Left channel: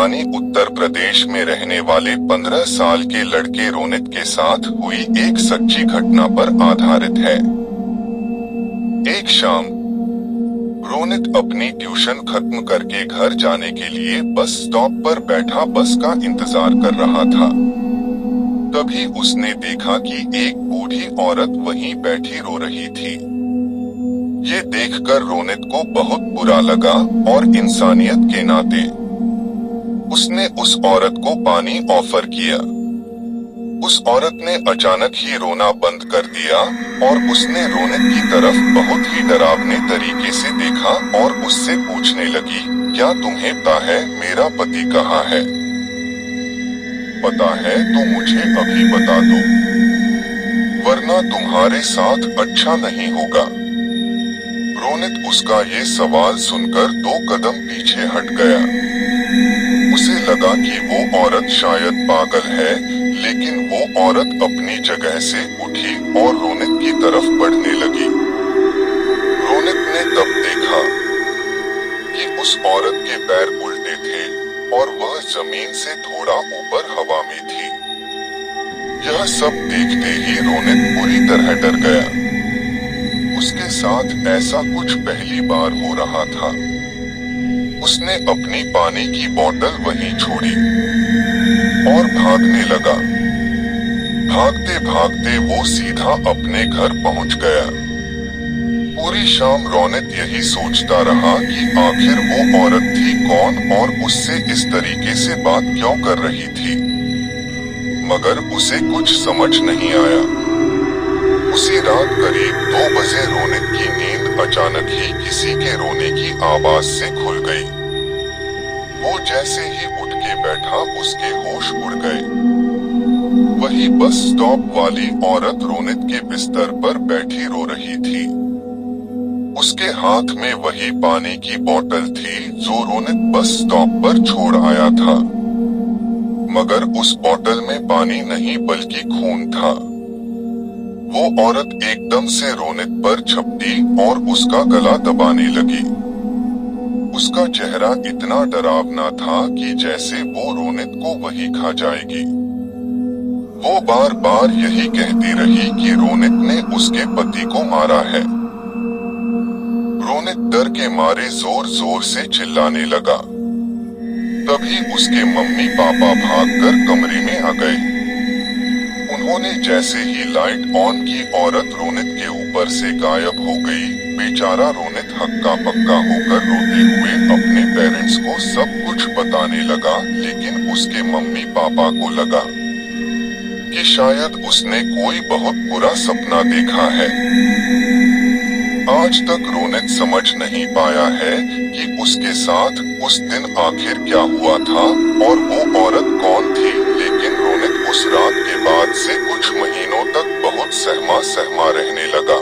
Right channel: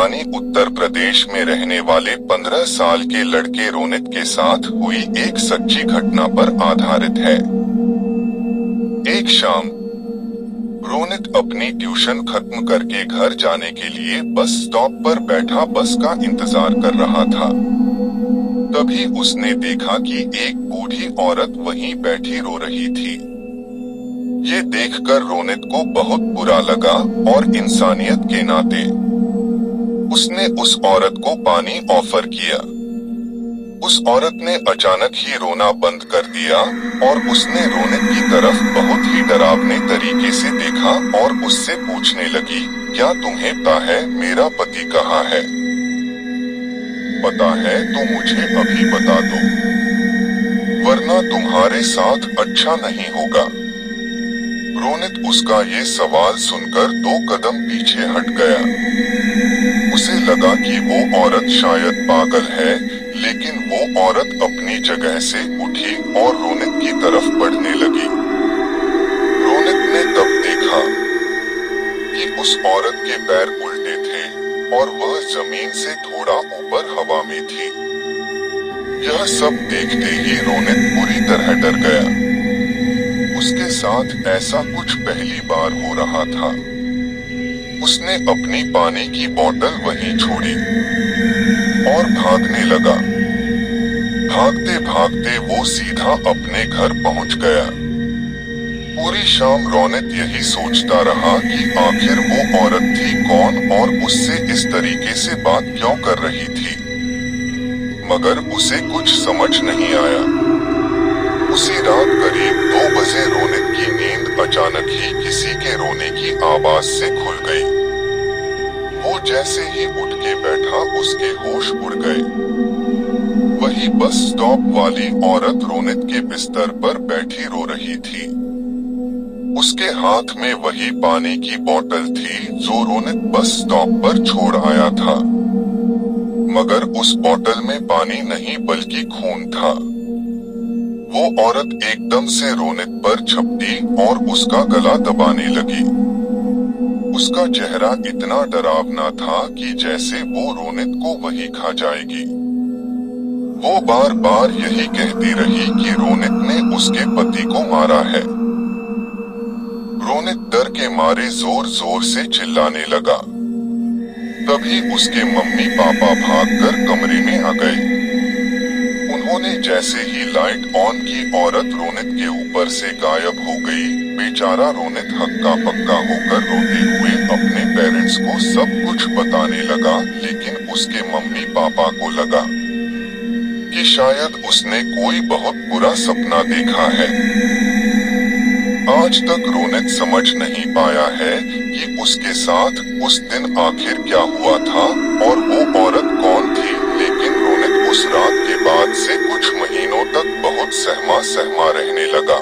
कहानी उत्तर प्रदेश में रहने वाले 15 साल के लड़के रोनित के साथ हुई एक सच्ची घटना पर आधारित है। एक शाम रोनित अपनी ट्यूशन खत्म करके घर जाने के लिए बस स्टॉप पर बैठा बस का इंतजार कर रहा था। तभी उसने देखा कि एक बूढ़ी औरत वहीं बैठी रो रही थी। ये देखकर रोनित को बहुत बुरा लगा और इंसानियत के नाते उसने उस औरत को पानी ऑफर किया। उस औरत ने अचानक ही रोना बंद कर दिया और उसने रोनित की तरफ बहुत ही डरावने तरीके से देखा और उससे पूछने लगी, क्या तुम्हें पता है मेरा पति कहाँ है? पता है तो मुझे अभी बता दो, वरना तुम्हारे साथ अच्छा नहीं होगा। रोनित उसका ये सवाल सुनकर 2 कदम पीछे हट गया। उसे लगा कि वो औरत शायद पागल है, लेकिन वो औरत अपनी जगह से उठी और रोनित की तरफ बढ़ने लगी। रोनित ने तब देखा कि उस औरत के पैर उल्टे थे और वह जमीन से थोड़ा ऊपर हवा में थी। यह सब देखते ही रोनित बुरी तरह डर गया। उसके साथ ऐसा कुछ पहली बार हो रहा था। उसने अपनी पानी की बोतल वहीं छोड़ी और भागने लगा। भागते भागते वो सीधा अपने घर पहुंच गया। पूरी शाम रोनित यही सोचता रहा कि आखिर वो औरत थी कौन और उससे इस तरीके से बात क्यों कर रही थी, मगर उसे कुछ समझ नहीं आया। उसी रात करीब 2 बजे रोनित की नींद अचानक ही किसी के रोने की आवाज से खुल गई। वो जैसे ही उठ के बैठा उसके होश उड़ गए। वही बस स्टॉप वाली औरत रोनित के बिस्तर पर बैठी रो रही थी। उसके हाथ में वही पानी की बोतल थी जो रोनित बस स्टॉप पर छोड़ आया था, मगर उस बोतल में पानी नहीं बल्कि खून था। वो औरत एकदम से रोनित पर झपटी और उसका गला दबाने लगी। उसका चेहरा इतना डरावना था कि जैसे वो रोनित को वही खा जाएगी। वो बार बार यही कहती रही कि रोनित ने उसके पति को मारा है। रोनित डर के मारे जोर जोर से चिल्लाने लगा। तभी उसके मम्मी पापा भागकर कमरे में आ गए। उन्होंने जैसे ही लाइट ऑन की, औरत रोनित के ऊपर से गायब हो गई। बेचारा रोनित हक्का पक्का होकर रोते हुए अपने पेरेंट्स को सब कुछ बताने लगा, लेकिन उसके मम्मी पापा को लगा कि शायद उसने कोई बहुत बुरा सपना देखा है। आज तक रोनित समझ नहीं पाया है कि उसके साथ उस दिन आखिर क्या हुआ था और वो औरत कौन थी, लेकिन रोनित उस रात के बाद से कुछ महीनों तक बहुत सहमा सहमा रहने लगा।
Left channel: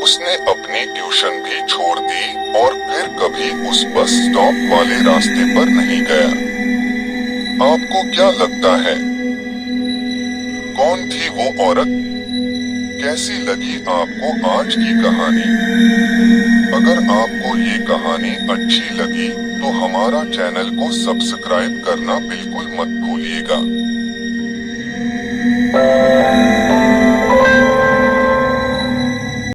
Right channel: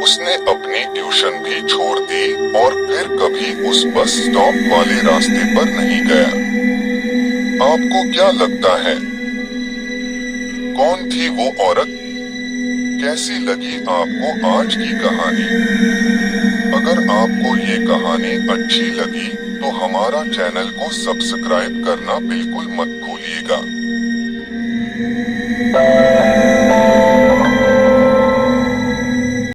उसने अपनी ट्यूशन भी छोड़ दी और फिर कभी उस बस स्टॉप वाले रास्ते पर नहीं गया। आपको क्या लगता है, कौन थी वो औरत? कैसी लगी आपको आज की कहानी? अगर आपको ये कहानी अच्छी लगी तो हमारा चैनल को सब्सक्राइब करना बिल्कुल मत भूलिएगा।